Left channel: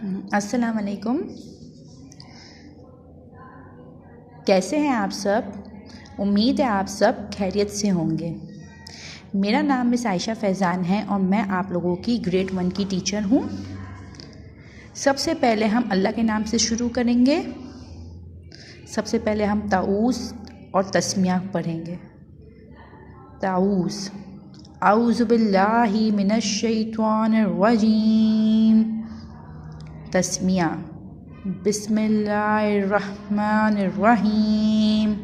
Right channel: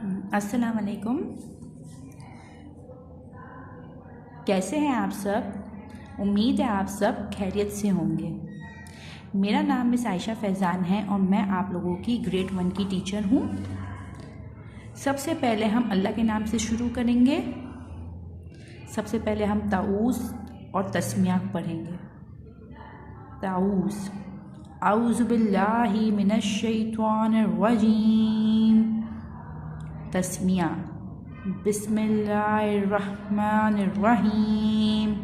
अस्सलाम वालेकुम। कैसे हैं आप सब? उम्मीद है आप सब खैरियत से होंगे। मेरा नाम मिस आयशा फैज़ान है और मैं आप लोगों की ग्रेड 1 की टीचर हूँ। सबसे पहले हम अल्लाह के नाम से शुरू करेंगे। सबसे पहले हम ताऊज़ और तस्मिया पढ़ेंगे। ताऊज़, औज़ु बिल्लाहि मिनश शैतानिर रजीम। तस्मिया, बिस्मिल्लाहिर्रहमानिर्रहीम।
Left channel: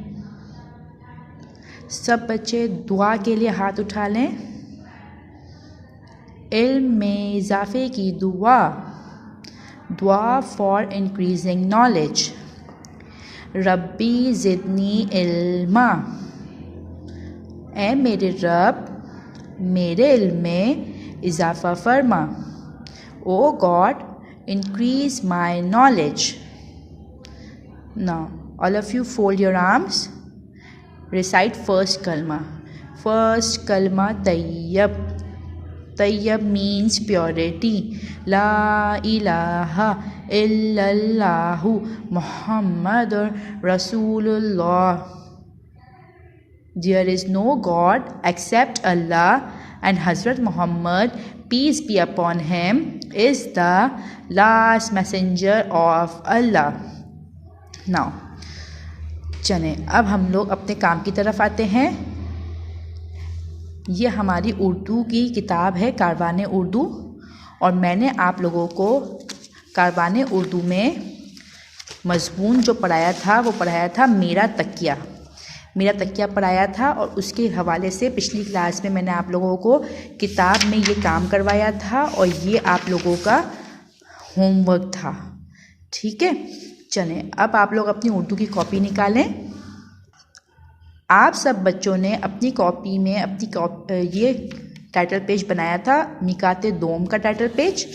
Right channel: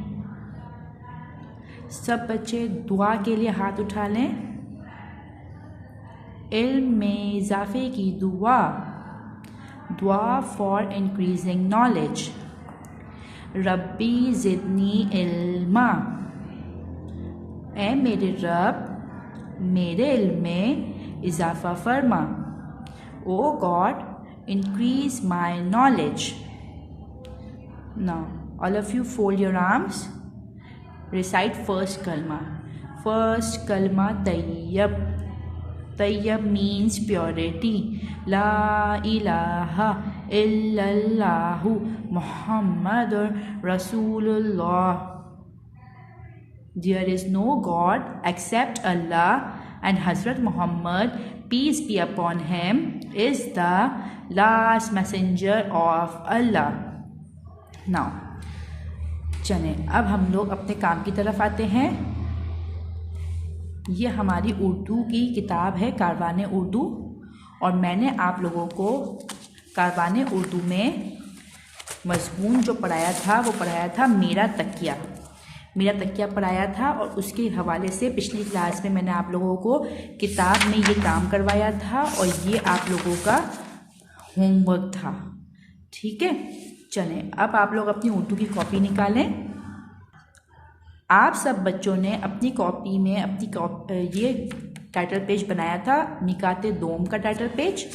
सब बच्चे दुआ के लिए हाथ उठा लें। इल्म में इजाफ़े की दुआ, दुआ फॉर इंक्रीजिंग नॉलेज। रब्बी ज़िदनी इल्मा, ए मेरे रब मेरे इल्म में इजाफ़ा फरमा। ओ God, increase my knowledge. Now, all of you fold your arms. Recite first kalma. First kalma tayyib. Tayyib means purity. La ilaha illallahu Muhammadur Rasulullah. There is no God except Allah, and Hazrat Muhammad, peace be upon him, is the last messenger of Allah. Now, चलें अब हम लोग अपने काम की तरफ आते हैं। ये हमारी उर्दू की किताब है कारवाने उर्दू, और मैंने आप लोगों को कारवाने उर्दू में मज़मून जो पढ़ाया था वो पढ़ाया था मेरा तकिया पढ़ाया था। और उसके हवाले से पिछली क्लास में मैंने आप लोगों को किताब में ये काम करवाया था और ये आप लोगों का होमवर्क था। ठीक है, चलें अब आप लोग अपनी उर्दू की कॉपी निकालें। आप सब बच्चों ने अपनी कॉपी में ये टाइटल पेज बनाया था, मिकाते दोम का टाइटल पेज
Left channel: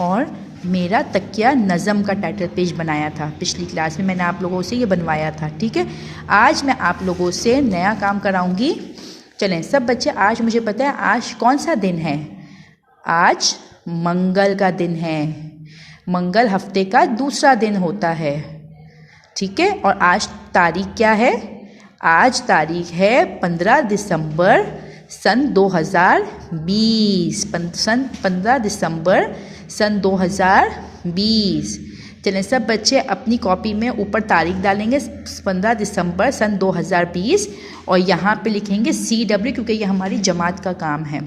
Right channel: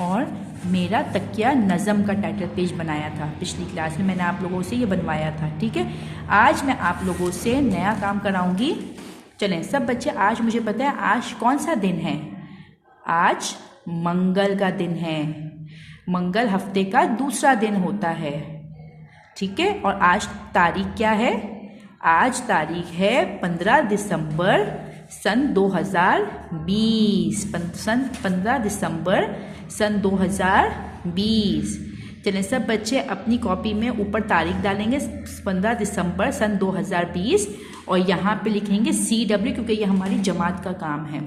और मेरा तकिया नज़म का टाइटल पेज बनाया था। पिछली क्लास में मैंने आप लोगों से ये बनवाया था। ठीक है, आज मैं आप लोगों से नया काम कराऊंगी। चलें सब बच्चे, आज मुझे पता है आज कौन सा दिन है। आज मंगल का दिन है। मंगल हफ्ते का दूसरा दिन होता है। ठीक है, और आज तारीख क्या है? आज तारीख है 15 दिसंबर सन 2020। 15 दिसंबर सन 2020। चलें सब बच्चे अपनी कॉपी में ऊपर तारीख डालेंगे 15 दिसंबर सन 2020 और यहाँ पे लिखेंगे CW, क्योंकि ये हमारी जमात का काम है।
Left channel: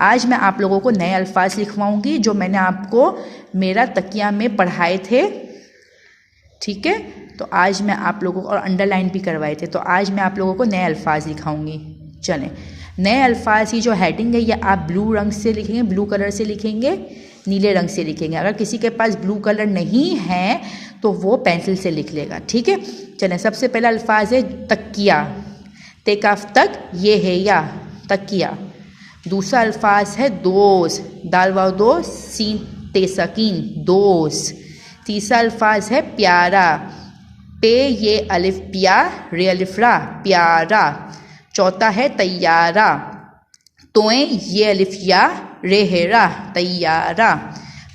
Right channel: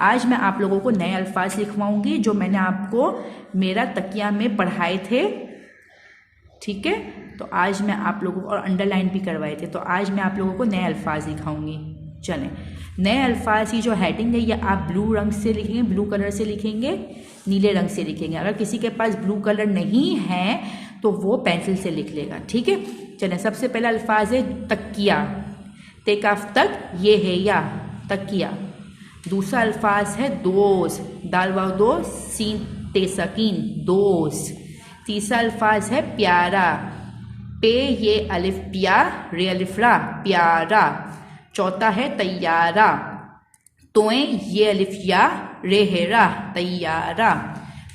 आज मैं आप लोगों को नए अल्फाज लिखवाऊंगी जो मैंने आपको मेरा तकिया में पढ़ाए थे। ठीक है, तो आज मैं आप लोगों को, और अंडरलाइन भी करवाए थे, तो आज मैं आप लोगों को नए अल्फाज लिखाऊंगी। चलें, नए अल्फाज की जो हेडिंग है ये आप ब्लू रंग से लिखेंगे, ब्लू कलर से लिखेंगे, नीले रंग से लिखेंगे। अगर किसी के पास ब्लू कलर नहीं है तो वो पेंसिल से लिख लेगा। ठीक है, चलें सबसे पहला अल्फाज है तकिया। ते काफ तक, ये है या तकिया। दूसरा अल्फाज है दोस, दाल वाव दो सीन ते सकीन, दोस। तीसरा अल्फाज है प्यारा, पे ये अलिफ पिया रे अलिफ रा, प्यारा। चौथा है तैयारा, तोए ये अलिफ या रे हेरा, तैयारा।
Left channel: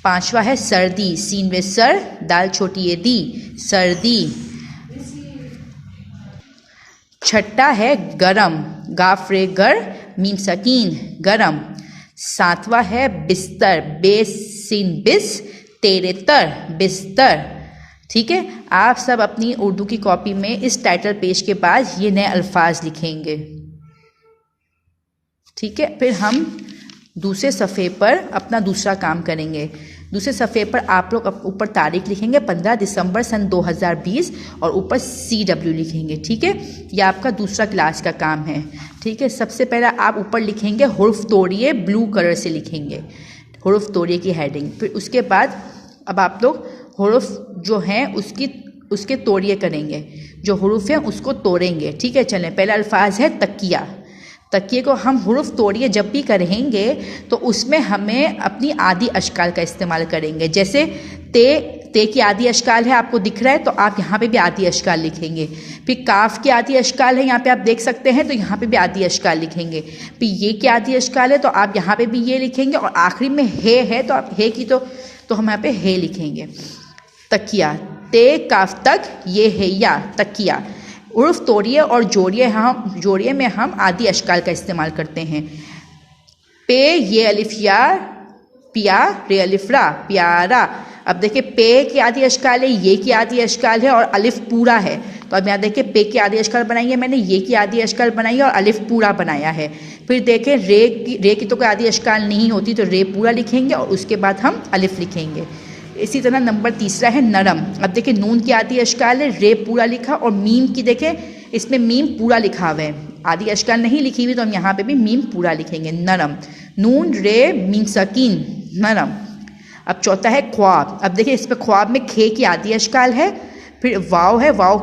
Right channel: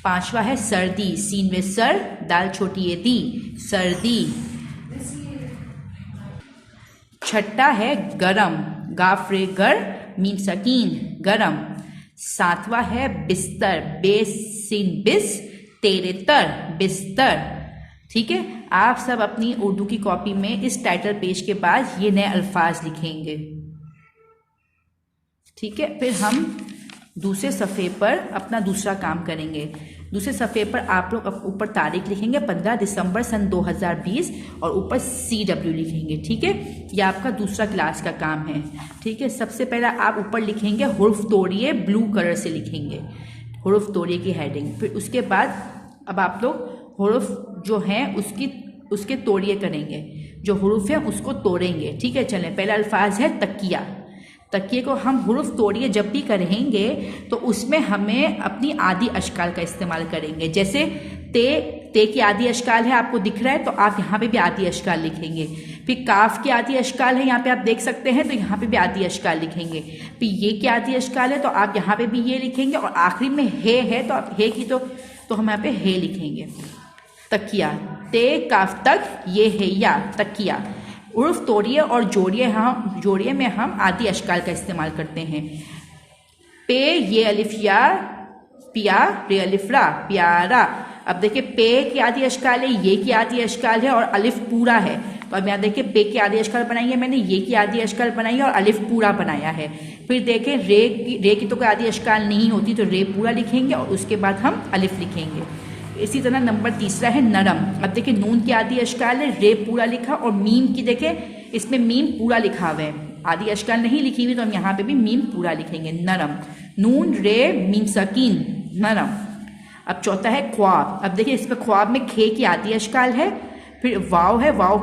पांचवा है सर्दी, सीन वे सर दाल छोटी ये दी, सर्दी। छठा है गरम, गाफ रे गर मीम सकीन, गरम। सातवां है बिस्तर, बेस सीन बिस तेरे तर, बिस्तर। ठीक है, आप सब अपनी उर्दू की कॉपी में इस टाइटल पेज के बाद ये नए अल्फाज लिखेंगे। ठीक है, फिर हम दूसरे सफ़े पर अपना दूसरा काम करेंगे। दूसरे सफ़े पर आप लोग ऊपर तारीख लिखेंगे 15 दिसंबर सन 2020 और ऊपर CW लिखेंगे। ठीक है, यह आपका दूसरा क्लास का काम है। ठीक है, सबसे पहला आप ऊपर लिखेंगे हुर्फ तोड़िए, ब्लू कलर से लिखेंगे हुर्फ तोड़िए की हेडिंग। फिर उसके बाद अब आप लोग हुर्फ जो हैं उसके तोड़िए करेंगे, जो हुर्फ है उसको तोड़ेंगे। ठीक है, चलें पहला अल्फाज है तकिया। तकिए को हम हुर्फ तोड़िए जब भी करेंगे तो उसमें हमें अपनी आदि अशकाल का इस्तेमाल करेंगे। जैसे ते की आदि अशकाल है, आपको दिख रहा है, तो आप यहाँ पे भी आदि अशकाल लिखेंगे। फिर काफ की आदि अशकाल है, यहाँ पे आप देख सकते हैं, तो यहाँ पे भी आदि अशकाल लिखेंगे। फिर ये की आदि अशकाल है, तो आप यहाँ पे भी ये लिखेंगे। और आखिरी में हे है, तो आप हे की तो तो हम यहाँ पे है लिखेंगे। तकिया, ते काफ तक ये है या तकिया। उर्फ तोड़िए और जोड़िए में हम आदि अशकाल का इस्तेमाल करते हैं। पे ये अलिफ या, पिया रे अलिफ रा प्यारा। अब देखिए पे के आदि अशकाल है, ये की आदि अशकाल है और अलिफ पूरा है। तो अब यहाँ देखिए पे की आदि अशकाल बनाई है मैंने, ये की आदि अशकाल बनाई है और अलिफ पूरा बनाया है। फिर देखें रे की तो कोई आदि अशकाल नहीं होती, तो रे पूरा लिखेंगे और उसके बाद हम अलिफ लिखेंगे। इसी तरह नंबर तीसरा है नरम। अब देखिए नून की आदि अशकाल है, रे पूरा लिखा, और मीम की देखें इसमें मीम पूरा लिखा हुआ है, आदि अशकाल नहीं लिखी हुई, तो हम यहाँ पे भी मीम पूरा लिखेंगे। नरम, नून रे मीम सकीन नरम। अब चौथा है ख्वाब। अब देखिए इस पर ख्वाब में खे की आदि अशकाल है, फिर वाव है, वाव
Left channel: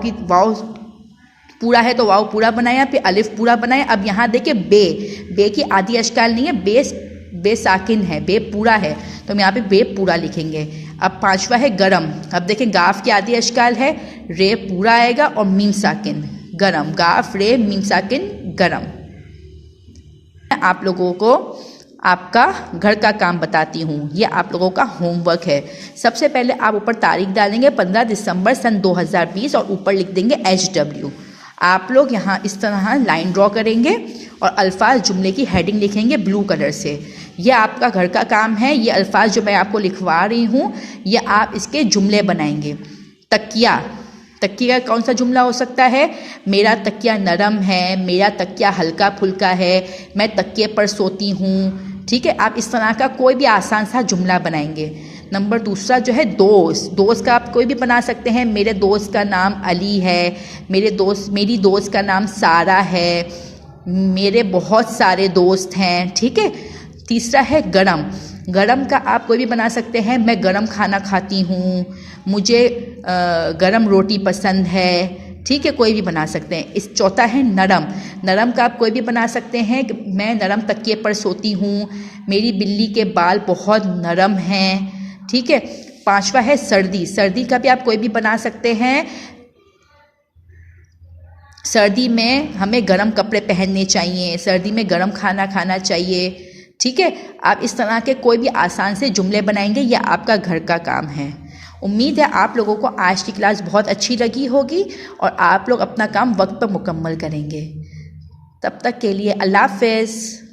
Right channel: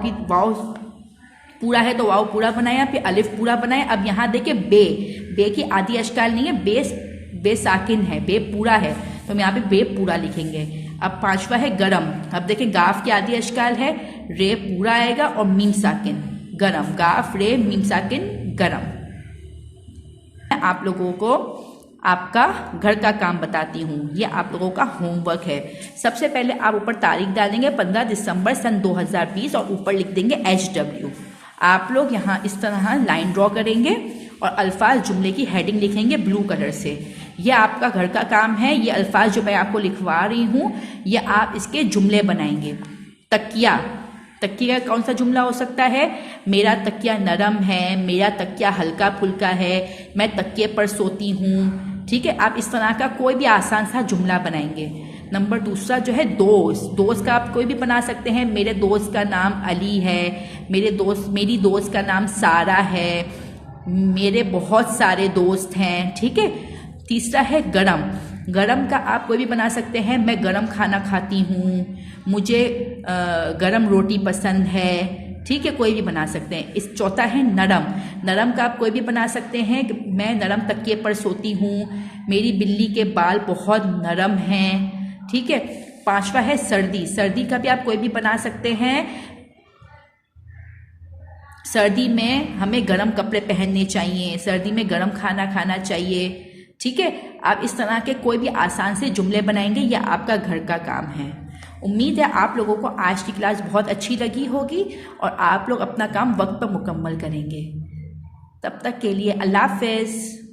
पूरा है तो वाव पूरा बनाया, फिर अलिफ पूरा बनाया। अब यहाँ देखिए बे की आदि अशकाल नहीं है, बे साकिन है, बे पूरा है, तो हम यहाँ पे बे पूरा लिखेंगे। अब पांचवा है गरम। अब देखिए गाफ की आदि अशकाल है, रे पूरा आएगा और मीम साकिन गरम, गाफ रे मीम साकिन गरम। आप लोगों को आपका घर का काम बताती हूँ, ये आप लोगों का होमवर्क है। सबसे पहले आप ऊपर तारीख डालेंगे 15 दिसंबर सन 2020 और ऊपर लिख देंगे HW। आप लोग यहाँ इस तरह लाइन ड्रॉ करेंगे और अल्फाज जुमले की हेडिंग लिखेंगे ब्लू कलर से। ये आपका घर का काम है। ये अल्फाज जो मैं आपको लिखवा रही हूँ ये आप इसके जुमले बनाएंगे। तकिया, तकिया कौन सा जुमला हो सकता है? मेरा तकिया नरम है, मेरा तकिया हल्का फुल्का है, मैं तकिए पर सोती हूँ। ठीक है, आप इस तरह का कोई भी आसान सा जुमला बनाएंगे। नंबर दूसरा जो है दोस्त का आप कोई भी बना सकते हैं। मेरे दोस्त का नाम अली है, मेरी दोस्त का नाम सारा है, मेरे बहुत सारे दोस्त हैं। ठीक है। तीसरा है गरम का आप कोई भी बना सकते हैं। मैं गरम खाना खाती हूँ, मुझे गरम रोटी पसंद है। ठीक है, कोई भी बना सकते हैं। इस चौथा है नरम का आप कोई भी बना सकते हैं। मैं नरम तकिए पर सोती हूँ, मेरी बिल्ली के बाल बहुत नरम हैं। ठीक है। पांचवा है सर्दी का भी आप कोई भी बना सकते हैं। सर्दी में हमें गर्म कपड़े पहनने चाहिए, सर्दी में गर्म खाना खाना चाहिए। ठीक है, आप इस तरह के कोई भी आसान से जुमले बनाएंगे, यह आपका घर का काम है। उम्मीद है आप लोगों को आज की क्लास बहुत अच्छी लगी होगी और आप लोग अपना काम वक्त पर मुकम्मल करेंगे। तब तक के लिए अल्लाह हाफ़िज़।